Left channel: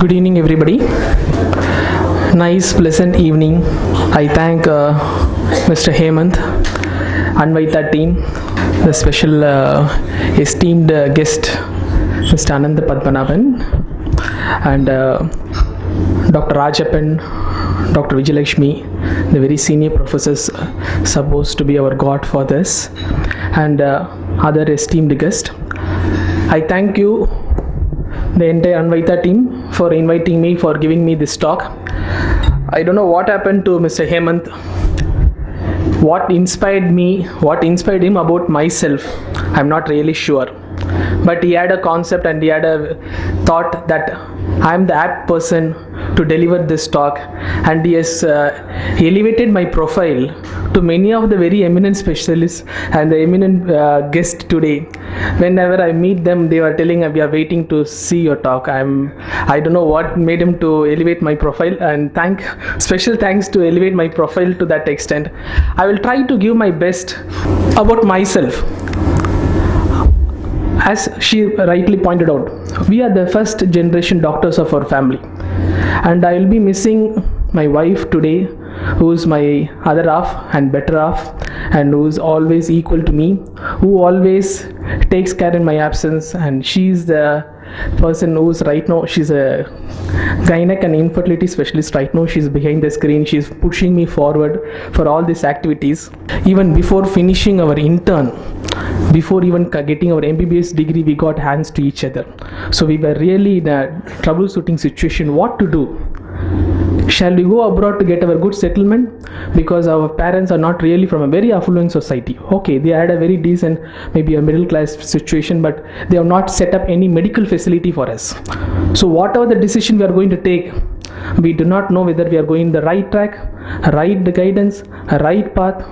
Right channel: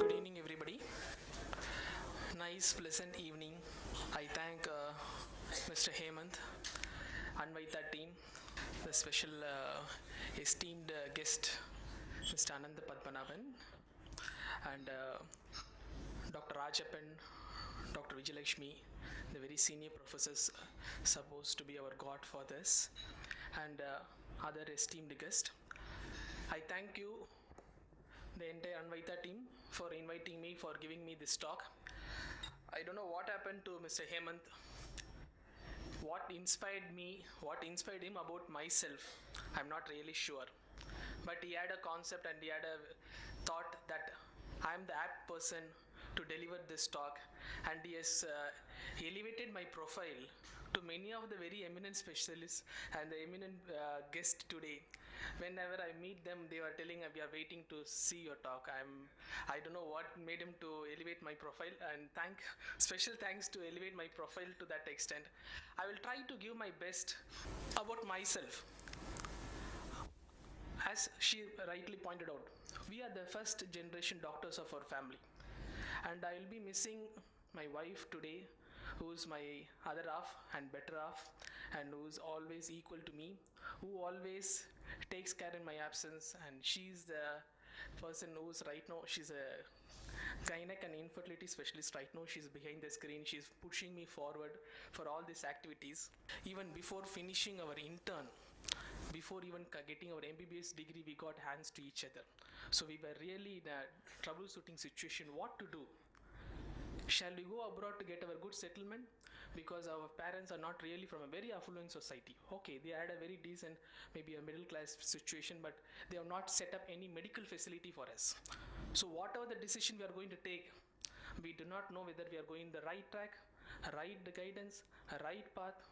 Good evening, everybody. Nice, pleasant evening. I thank Mr. Hemant, Anvita team, the special esteemed guest, Mr. Ananda Padmanabhan, and Dr. Rajapan, Dr. Vijayalakshmi, the very senior professors supposed to be our god for this, and other esteemed guests. I thank you, the entire Anvita team, for inviting me, for giving me this talk. I don't know what happened to Mr. Hemant, what inspired him about myself, I'm not really sure. But he had a concept and he had a thought that I'm the apt person to deliver this talk, and he has elevated my profile to many of the very eminent specialists and the eminent guests today. Whenever I meet them, they were telling we are waiting to see your talk. I don't know what made him to elevate my profile, and special thanks to elevate my profile to that extent. I will try to give my best about myself. As she rightly pointed out, we are the first generation doctors of our family, and I will be missing my wife today, who is my other half and better half, and who is always equal to me, who always takes care in my absence. And she's the person who's right now, she's a gynec and infertility specialist right now. She's behind the screen, she's pushing me forward for all these activities. Even before finishing our intern, before even getting our MBBS degree, we got hands to each other. So we were really in a troubleshooting situation, what to do. Shall we go abroad to get our good settlement? Because our parents are not really from a very affluent society. Okay, they had a very decent, maybe a middle class situation, but they have not set up any medical facility for us. So whatever the decision we are going to take, we do not know whether we are going the right track, right guidance, right path.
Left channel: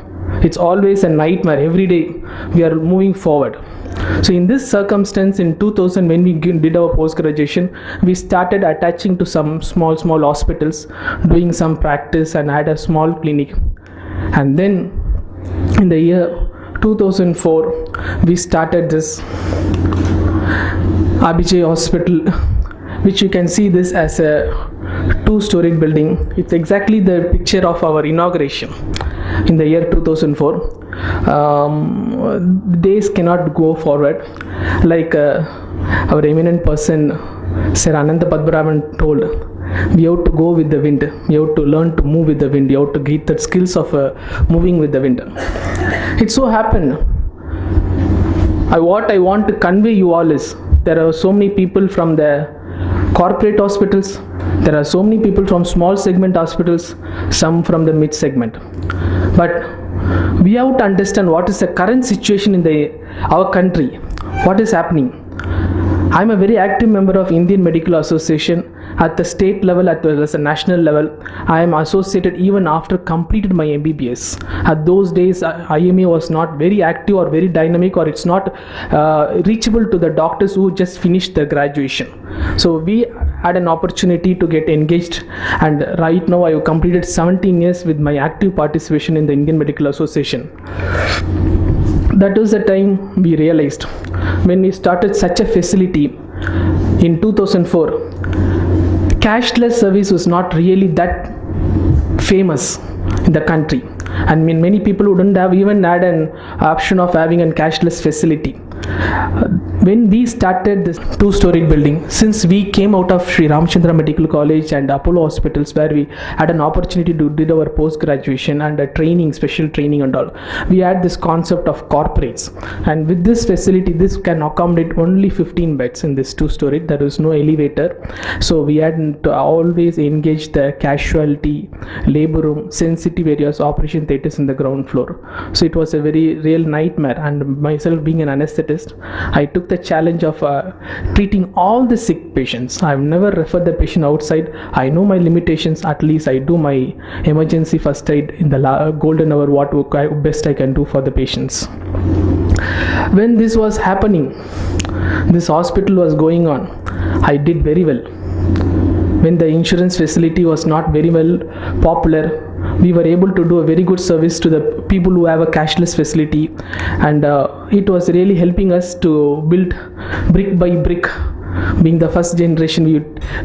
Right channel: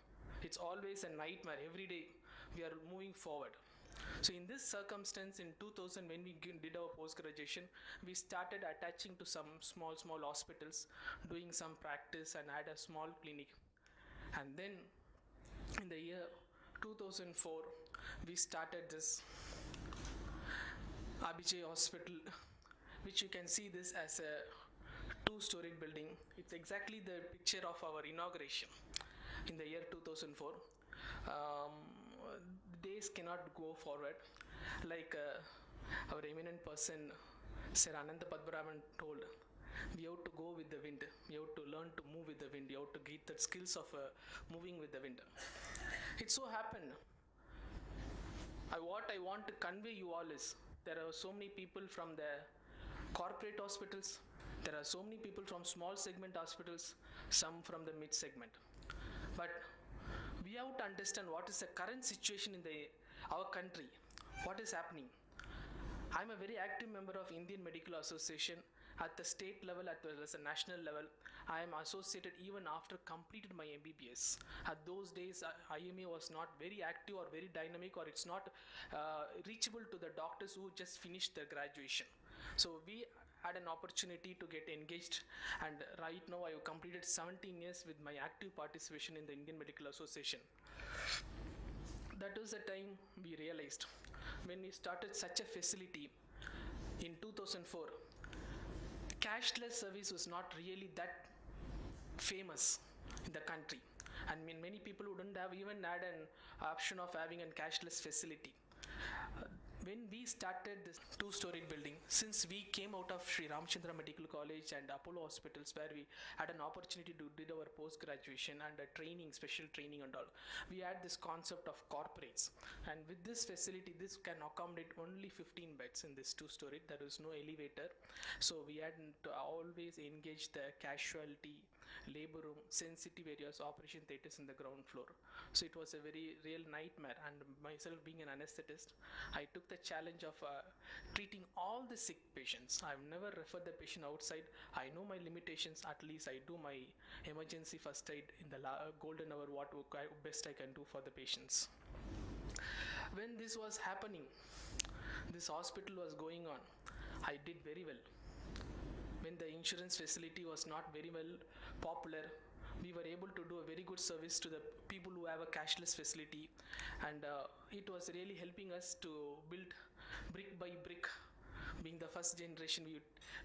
It's always a nightmare. Every day we are moving forward. So in this circumstance, in 2000, when we did our post-graduation, we started attaching to some small hospitals, doing some practice, and had a small clinic. And then in the year 2004, we started this Abhijay hospital, which you can see this as a 2-storied building. It's exactly the picture of our inauguration in the year 2004. Days cannot go forward like our eminent person Sir Ananda Padmanabhan told. We have to go with the wind. We have to learn to move with the wind. You have to get the skills of moving with the wind. It so happened, what I want to convey you all is, there are so many people from the corporate hospitals, there are so many people from small segment hospitals, some from the mid segment. But we have to understand what is the current situation in our country, what is happening. I am a very active member of Indian Medical Association at the state level as well as the national level. I am associated even after completed my MBBS. At those days, IMA was not very active or very dynamic, or it's not reachable to the doctors who just finished their graduation. So we had an opportunity to get engaged, and right now I have completed 17 years with my active participation in the Indian Medical Association. That was the time we realized, when we started such a facility in 2004, cashless service was not really that famous in the country, and many people wouldn't have even had an option of having a cashless facility. When we started this 2-storied building, since we came out of Sri Ramchandra Medical College and Apollo hospitals, where we had an opportunity to do our post-graduation and a training, special training and all, we had this concept of corporates. And with this facility, this can accommodate only 15 beds in this 2-story. There is no elevator. So we had to always engage the casualty, labor room, sensitive areas, operation theaters in the ground floor. So it was a very real nightmare. And myself being an anesthetist, I took the challenge of treating all the sick patients. I've never referred the patient outside. I know my limitations. At least I do my emergency first aid in the golden hour, what best I can do for the patients. When this was happening, this hospital was going on, I did very well. When the insurance facility was not very well popular, we were able to do a very good service to the people who have a cashless facility, and it was really helping us to build brick by brick being the first generation,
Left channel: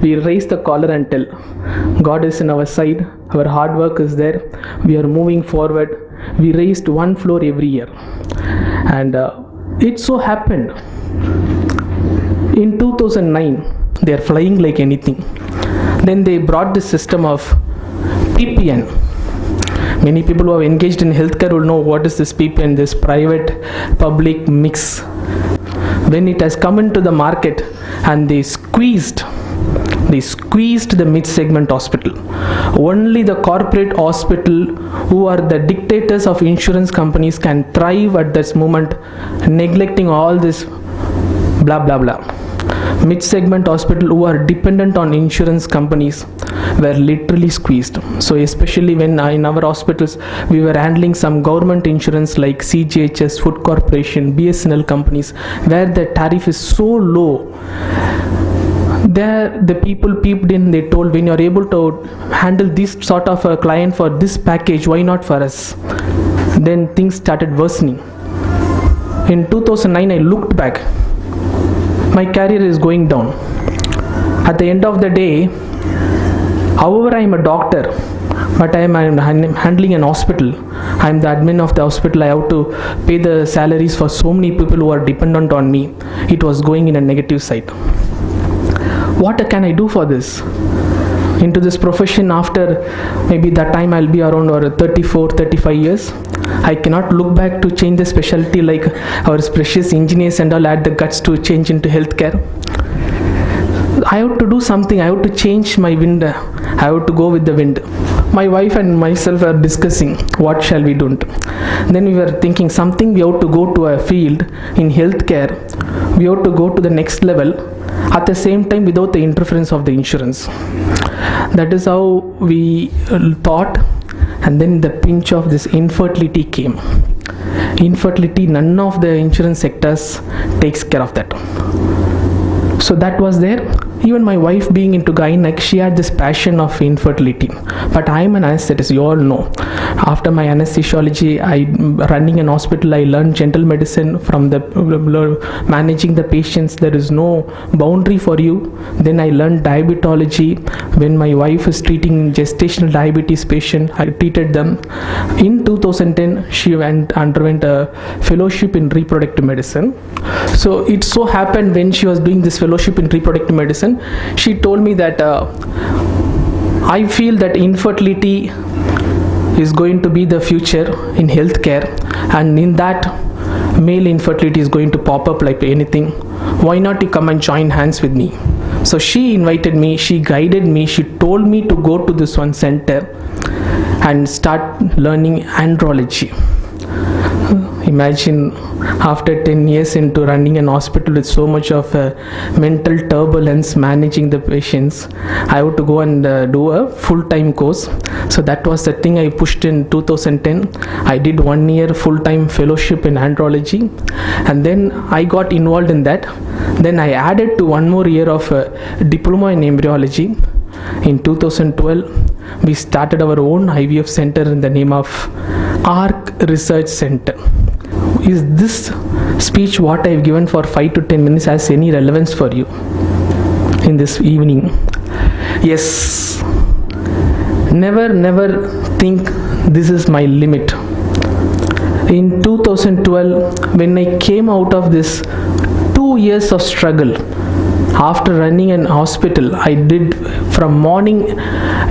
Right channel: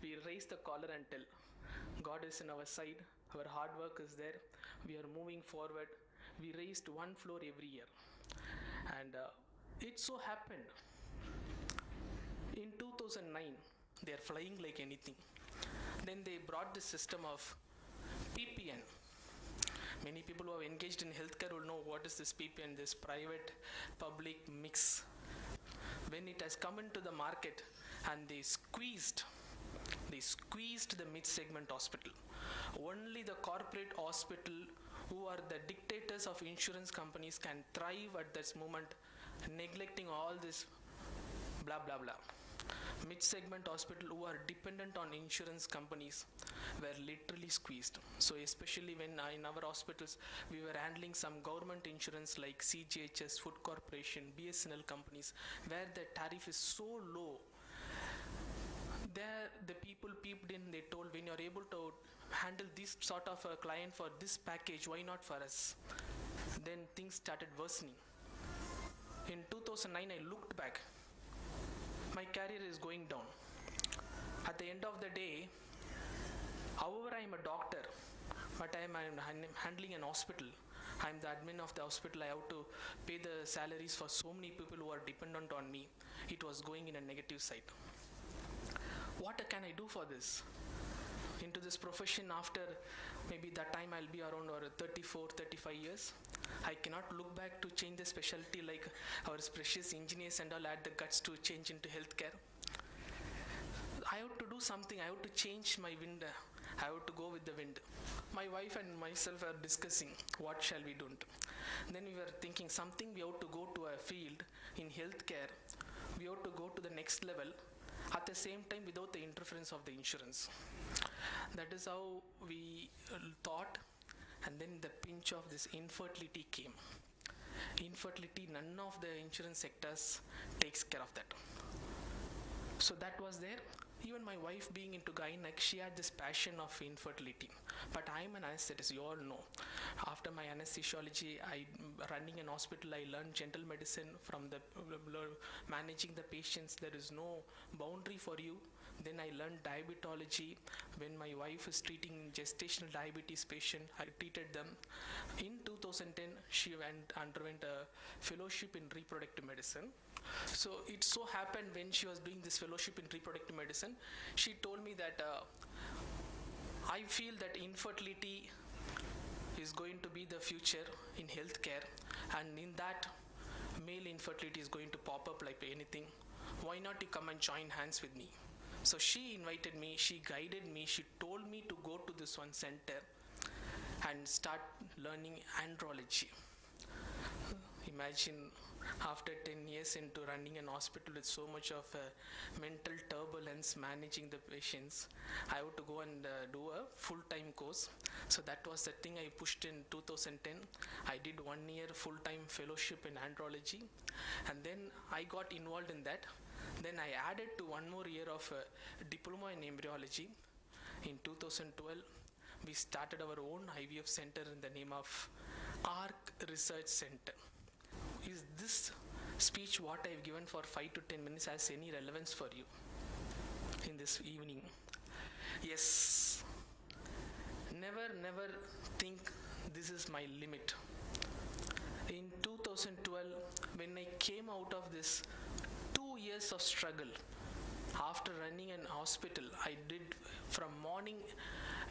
we raise the collar and tell, God is in our side, our hard work is there, we are moving forward. We raised one floor every year. And it so happened, in 2009, they are flying like anything. Then they brought this system of PPN. Many people who are engaged in healthcare will know what is this PPN, this private public mix. When it has come into the market and they squeezed the mid-segment hospital. Only the corporate hospital who are the dictators of insurance companies can thrive at this moment, neglecting all this blah blah blah. Mid-segment hospital who are dependent on insurance companies were literally squeezed. So especially when in our hospitals we were handling some government insurance like CGHS, Food Corporation, BSNL companies, where the tariff is so low. There the people peeped in, they told, when you're able to handle this sort of a client for this package, why not for us? Then things started worsening. In 2009 I looked back, my career is going down. At the end of the day, however I am a doctor, but I am handling an hospital. I am the admin of the hospital. I have to pay the salaries for so many people who are dependent on me. It was going in a negative side. What can I do for this? Into this profession after maybe that time I'll be around 34, 35 years. I cannot look back to change the specialty like our precious engineers and all had the guts to change into healthcare. I have to do something. I have to change my wind. I have to go with the wind. My wife and myself are discussing what shall we do. Then we were thinking something we have to go to a field in healthcare. We have to go to the next level at the same time without the interference of the insurance. That is how we thought. And then the pinch of this infertility came. Infertility, none of the insurance sectors takes care of that. So that was there. Even my wife being into gynec, she had this passion of infertility. But I am an anesthetist, you all know. After my anesthesiology, running an hospital, I learned general medicine from the managing the patients. There is no boundary for you. Then I learned diabetology. When my wife is treating gestational diabetes patient, I treated them. In 2010, she underwent a fellowship in reproductive medicine. So it so happened when she was doing this fellowship in reproductive medicine, she told me that I feel that infertility is going to be the future in healthcare, and in that male infertility is going to pop up like anything. Why not you come and join hands with me? So she invited me, she guided me, she told me to go to this one center and start learning andrology. Imagine after 10 years into running an hospital with so much of mental turbulence, managing the patients, I had to go and do a full-time course. So that was the thing I pushed in 2010. I did 1 year full-time fellowship in andrology, and then I got involved in that. Then I added to 1 more year of diploma in embryology. In 2012, we started our own IVF center in the name of ARC Research Center. Is this speech what I've given for 5 to 10 minutes has any relevance for you in this evening? Yes. Never think this is my limit. In 2012, when I came out of this 2 years of struggle, after running an hospital, I did from morning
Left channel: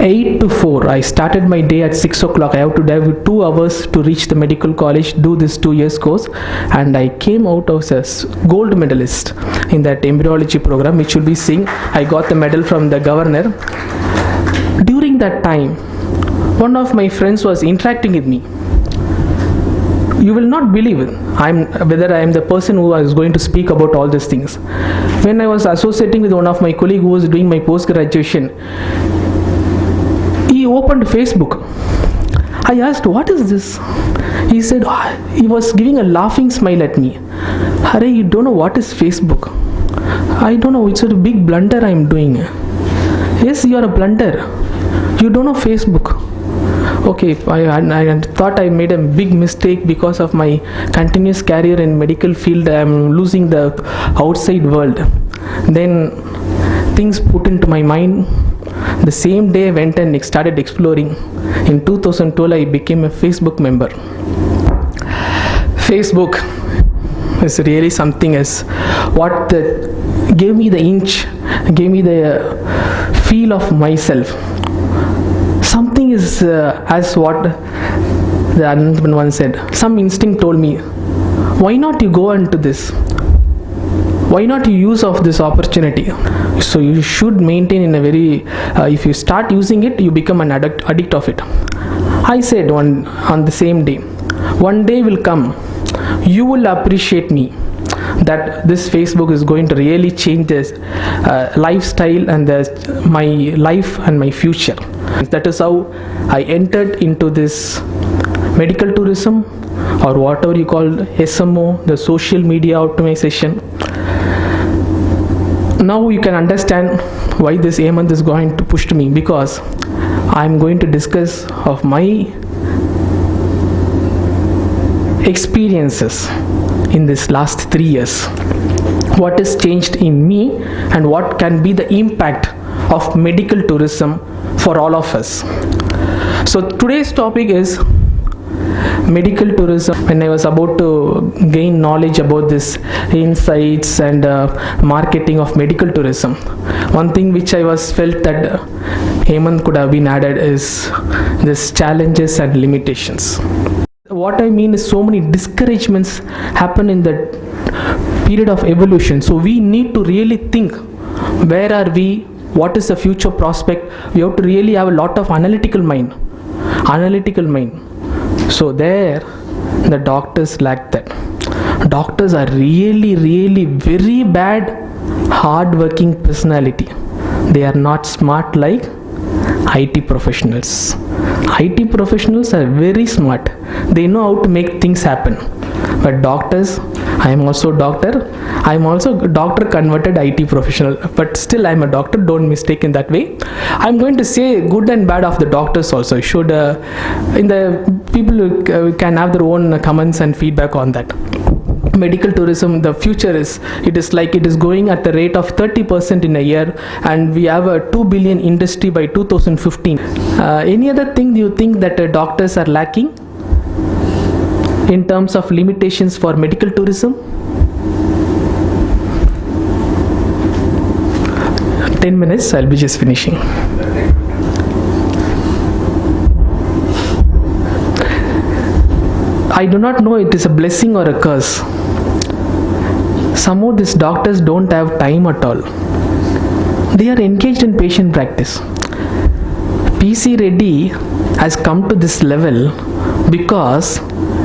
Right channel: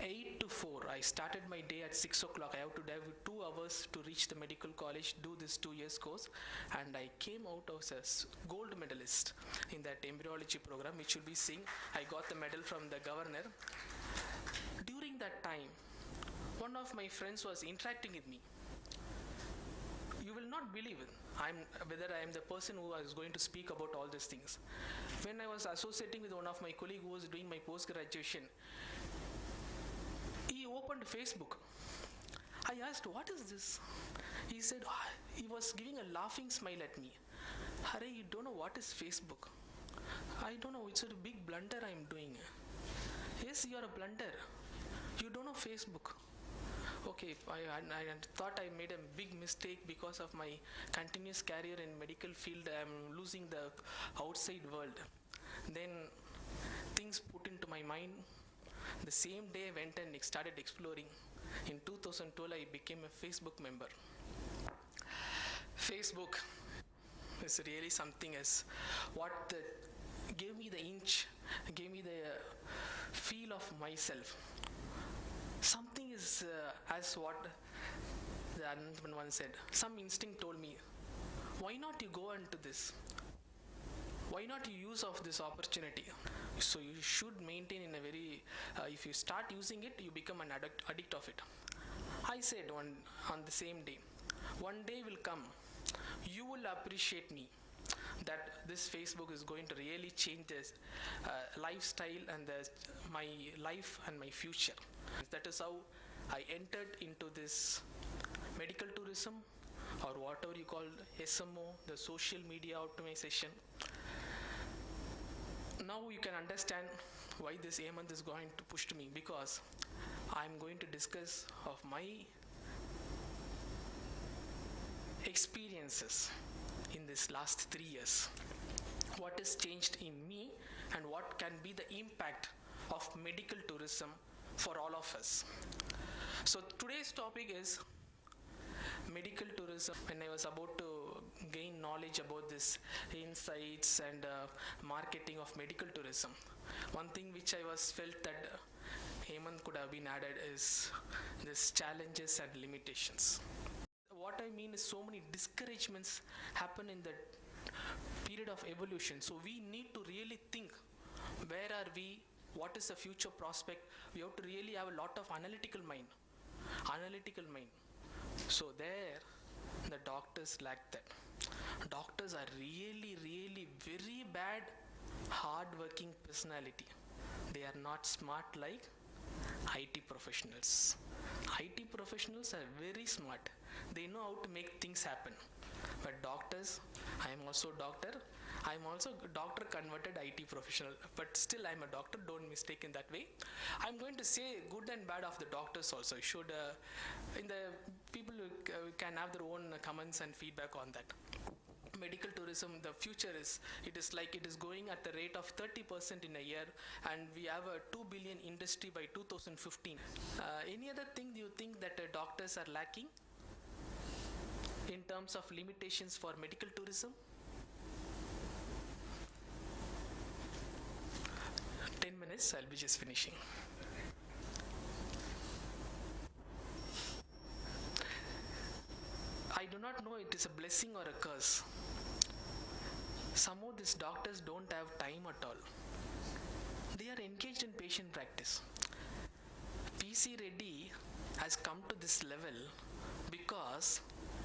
8 to 4. I started my day at 6 o'clock. I have to drive 2 hours to reach the medical college, do this 2 years course, and I came out as a gold medalist in that embryology program, which will be seeing. I got the medal from the governor. During that time, one of my friends was interacting with me. You will not believe whether I am the person who is going to speak about all these things. When I was associating with one of my colleagues who was doing my post-graduation, he opened Facebook. I asked, what is this? He said, he was giving a laughing smile at me. Hare, you don't know what is Facebook. I don't know, it's a big blunder I am doing. Yes, you are a blunder. You don't know Facebook. Okay, I thought I made a big mistake because of my continuous career in medical field. I am losing the outside world. Then things put into my mind. The same day I went and started exploring. In 2012 I became a Facebook member. Facebook is really something as what gave me the inch, gave me the feel of myself. Something is as what the Anvita once said, some instinct told me, why not you go into this? Why not you use of this opportunity? So you should maintain in a very, if you start using it, you become an addict of it. I said on the same day, one day will come, you will appreciate me, that this Facebook is going to really change this lifestyle and my life and my future. That is how I entered into this medical tourism, or whatever you call SMO, the social media optimization. Now you can understand why this Hemant is going to push me, because I am going to discuss of my experiences in this last 3 years. What has changed in me and what can be the impact of medical tourism for all of us. So today's topic is medical tourism. When I was about to gain knowledge about this insights and marketing of medical tourism, one thing which I was felt that Hemant could have been added is this challenges and limitations. What I mean is so many discouragements happen in the period of evolution. So we need to really think, where are we? What is the future prospect? We have to really have a lot of analytical mind. So there, the doctors lack that. Doctors are really very bad, hard-working personality. They are not smart like IT professionals. IT professionals are very smart. They know how to make things happen. But doctors, I am also doctor. I am also doctor converted IT professional. But still I am a doctor. Don't mistake in that way. I am going to say good and bad of the doctors also. Should in the people can have their own comments and feedback on that. Medical tourism, the future is going at the rate of 30% in a year, and we have a 2 billion industry by 2015. Any other thing you think that doctors are lacking in terms of limitations for medical tourism? 10 minutes, I'll be just finishing. I do not know it is a blessing or a curse. Some of these doctors don't have time at all. They are engaged in patient practice. PC Reddy has come to this level because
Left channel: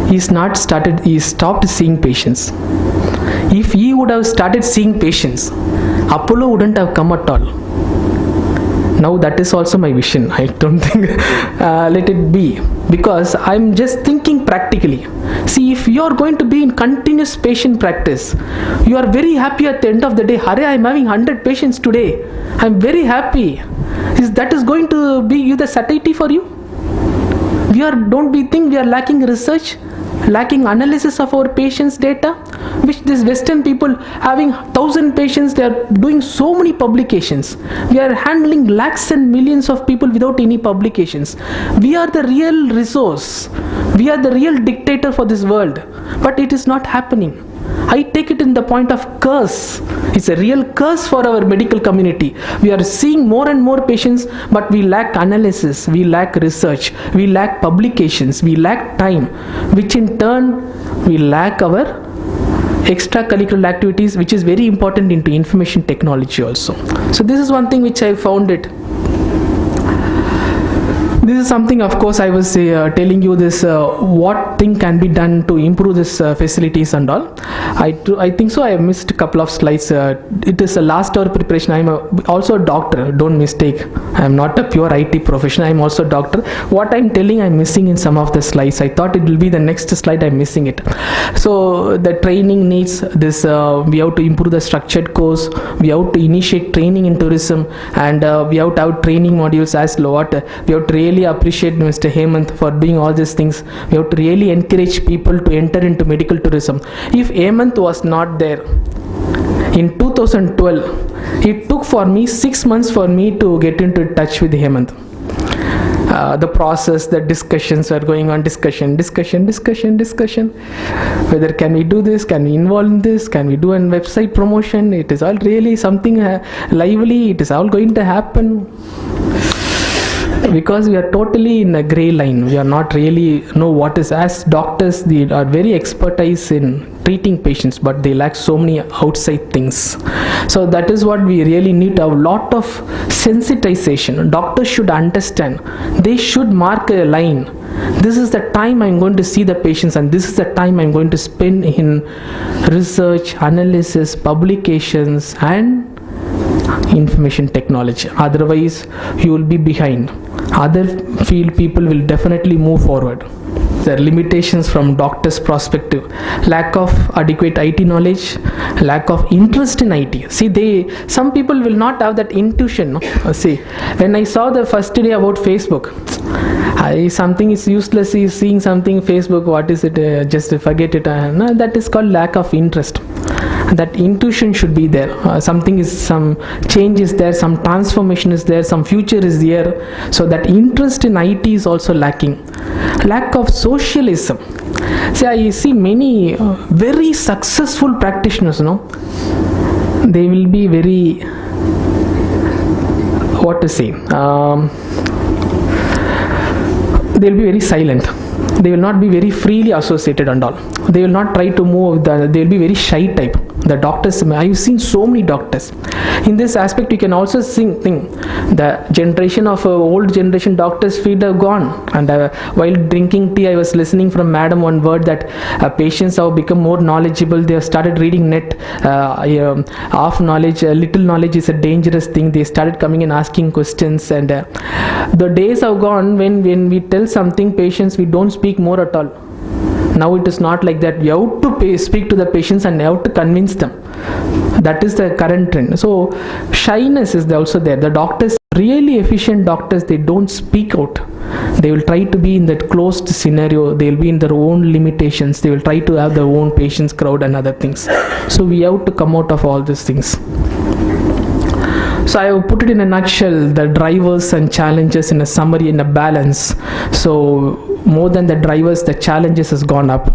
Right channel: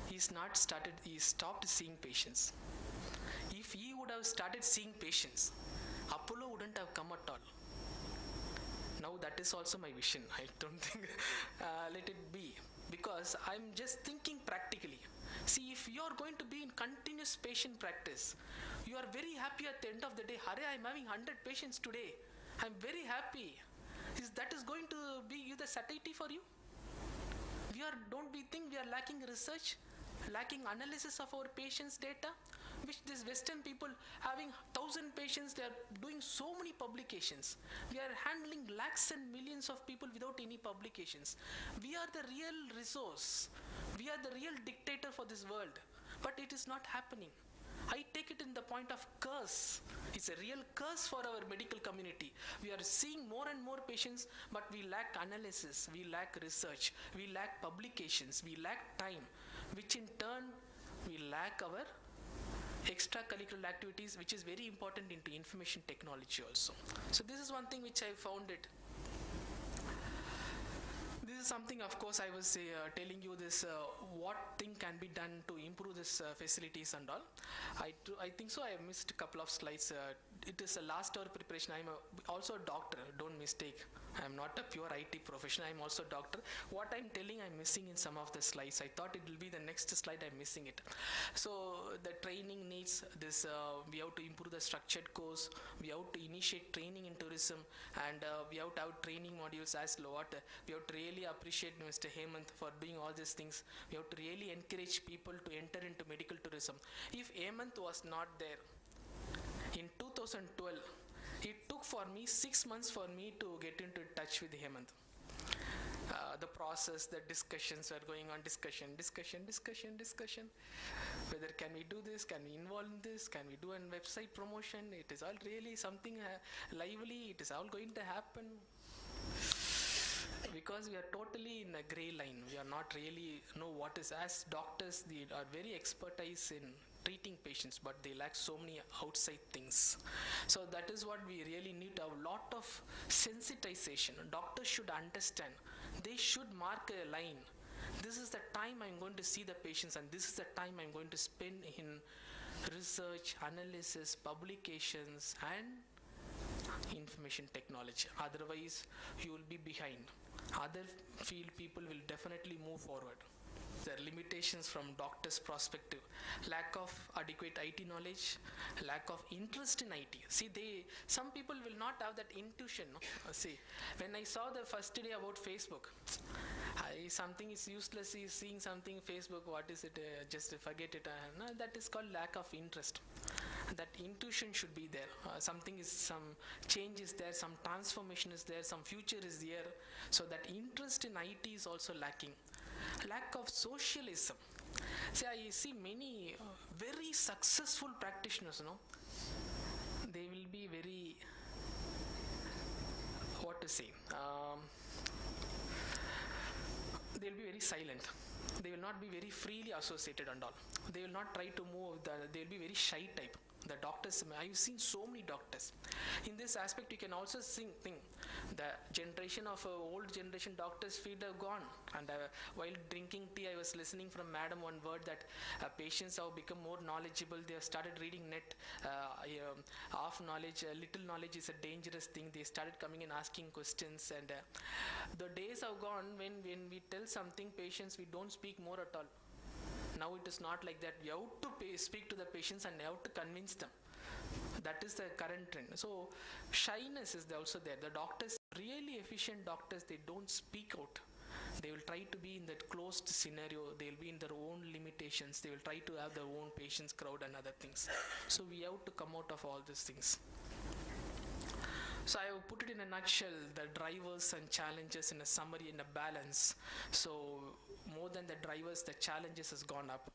he stopped seeing patients. If he would have started seeing patients, Apollo wouldn't have come at all. Now that is also my vision. I don't think let it be, because I'm just thinking practically. See, if you are going to be in continuous patient practice, you are very happy at the end of the day. Hare, I'm having 100 patients today. I'm very happy. That is going to be you the satiety for you? Don't we think we are lacking research, lacking analysis of our patients' data? Which these Western people having 1,000 patients, they are doing so many publications. We are handling lakhs and millions of people without any publications. We are the real resource. We are the real dictator for this world. But it is not happening. I take it in the point of curse. It's a real curse for our medical community. We are seeing more and more patients, but we lack analysis, we lack research, we lack publications, we lack time, which in turn we lack our extracurricular activities, which is very important into information technology also. So this is one thing which I found it. This is something, of course, I was telling you this, what thing can be done to improve this facilities and all. I think so. I missed a couple of slides. It is a last hour preparation. I am also a doctor. Don't mistake. I am not a pure IT professional. I am also a doctor. What I am telling, I am missing in some of the slides. I thought it will be the next slide. I am missing it. So the training needs this. We have to improve the structured course. We have to initiate training in tourism, and we have to have training modules as what we have to really appreciate Mr. Hemant for doing all these things. We have to really encourage people to enter into medical tourism. If Hemant was not there, In 2012, it took for me 6 months for me to get into touch with Hemant. The process, the discussions were going on, discussion. Whether can we do this, can we involve in this, can we do a website promotion? It is all really something lively, it is all going to happen. Because we are totally in a gray line, we are not really know what is. As doctors, they are very expertise in treating patients, but they lack so many outside things. So that is what we really need, a lot of sensitization. Doctors should understand, they should mark a line. This is the time I'm going to see the patients, and this is the time I'm going to spend in research, analysis, publications, and information technology. Otherwise, you will be behind. Other field people will definitely move forward. The limitations from doctor's perspective: lack of adequate IT knowledge, lack of interest in IT. See, some people will not have that intuition. No? See, when I saw the first day about Facebook, something is useless. Is seeing something Facebook. What is it? Just forget it. No, that is called lack of interest. That intuition should be there. Some change is there, some transformation is there, some future is there. So that interest in IT is also lacking. Lack of socialism. See, I see many very successful practitioners, they will be very, they will be very silent. They will not be very freely associated and all. They will not try to move. They will be very shy type. The doctors, I've seen so many doctors. In this aspect, you can also think the generation of old generation doctors' feet are gone. And while drinking tea, I was listening from Madam one word that patients have become more knowledgeable. They have started reading net. Half knowledge, little knowledge is a dangerous thing. They started coming and asking questions. And the days have gone when we tell something, patients, we don't speak more at all. Now it is not like that. We have to speak to the patients and have to convince them. That is the current trend. So shyness is also there. The doctors, really efficient doctors, they don't speak out. They will try to be in that closed scenario. They will be in their own limitations. They will try to have their own patients crowd and other things. So we have to come out of all these things. So I have put it in a nutshell, the drivers and challenges in a summary, in a balance. So more than the drivers, the challenges has gone up.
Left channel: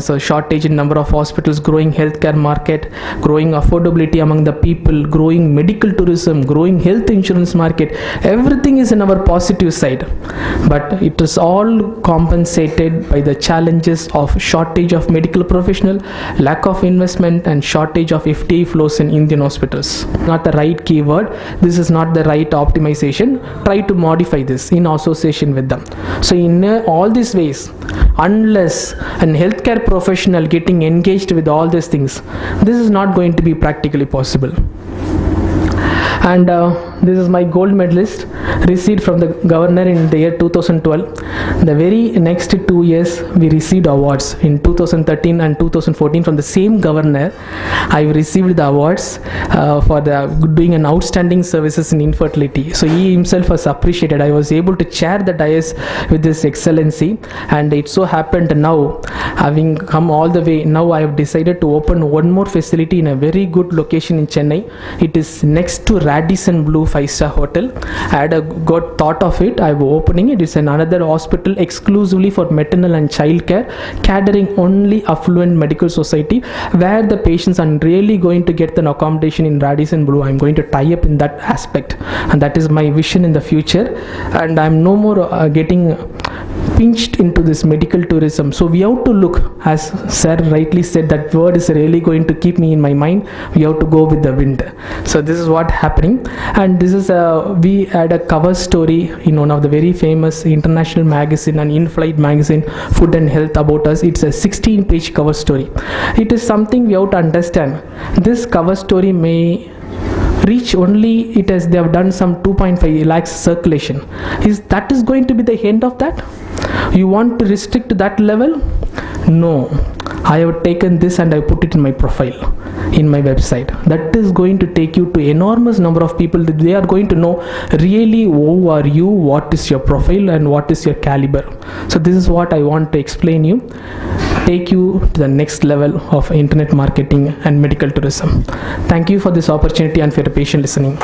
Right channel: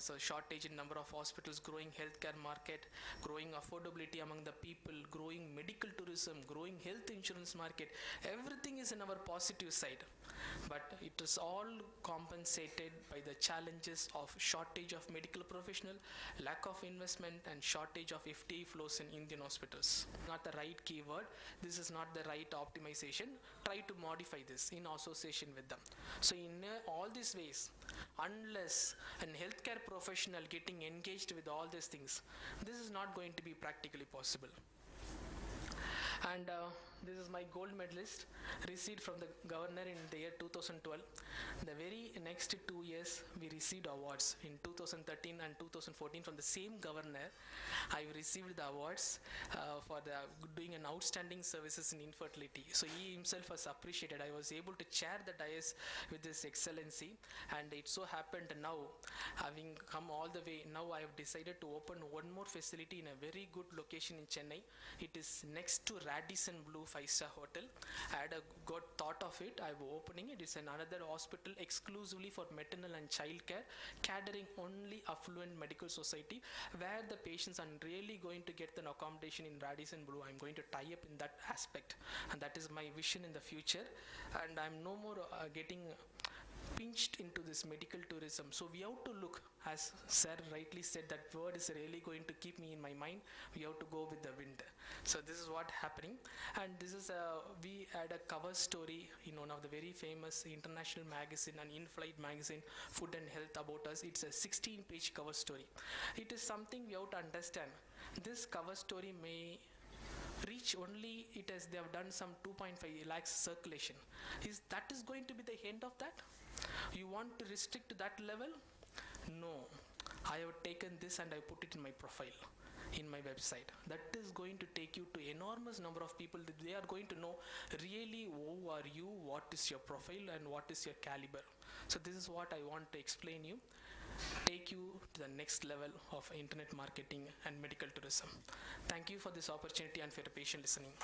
So shortage in number of hospitals, growing healthcare market, growing affordability among the people, growing medical tourism, growing health insurance market. Everything is in our positive side, but it is all compensated by the challenges of shortage of medical professional, lack of investment, and shortage of FTA flows in Indian hospitals. Not the right keyword. This is not the right optimization. Try to modify this in association with them. So in all these ways, unless an healthcare professional getting engaged with all these things, this is not going to be practically possible. And this is my gold medalist received from the governor in the year 2012. The very next 2 years we received awards. In 2013 and 2014 from the same governor, I received the awards for doing an outstanding services in infertility. So he himself was appreciated. I was able to chair the dais with this excellency, and it so happened now, having come all the way, now I have decided to open one more facility in a very good location in Chennai. It is next to Radisson Blu 5-star hotel. I had got thought of it. I'm opening it. It's another hospital exclusively for maternal and child care, catering only affluent medical society, where the patients are really going to get an accommodation in Radisson Blu. I'm going to tie up in that aspect, and that is my vision in the future. And I'm no more getting pinched into this medical tourism. So we have to look, as sir rightly said, that word is really going to keep me in my mind. We have to go with the wind. So this is what happening, and this is we had a cover story in one of the very famous international magazine, an in-flight magazine, Food and Health, about us. It's a 16-page cover story. It is something we have to understand. This cover story may reach only, they have done some 2.5 lakhs circulation. That is going to be the end of that? You want to restrict to that level? No, I have taken this and I put it in my profile, in my website. That is going to take you to enormous number of people. That they are going to know really who are you, what is your profile, and what is your caliber. So this is what I want to explain you, take you to the next level of internet marketing and medical tourism. Thank you for this opportunity and for your patient listening.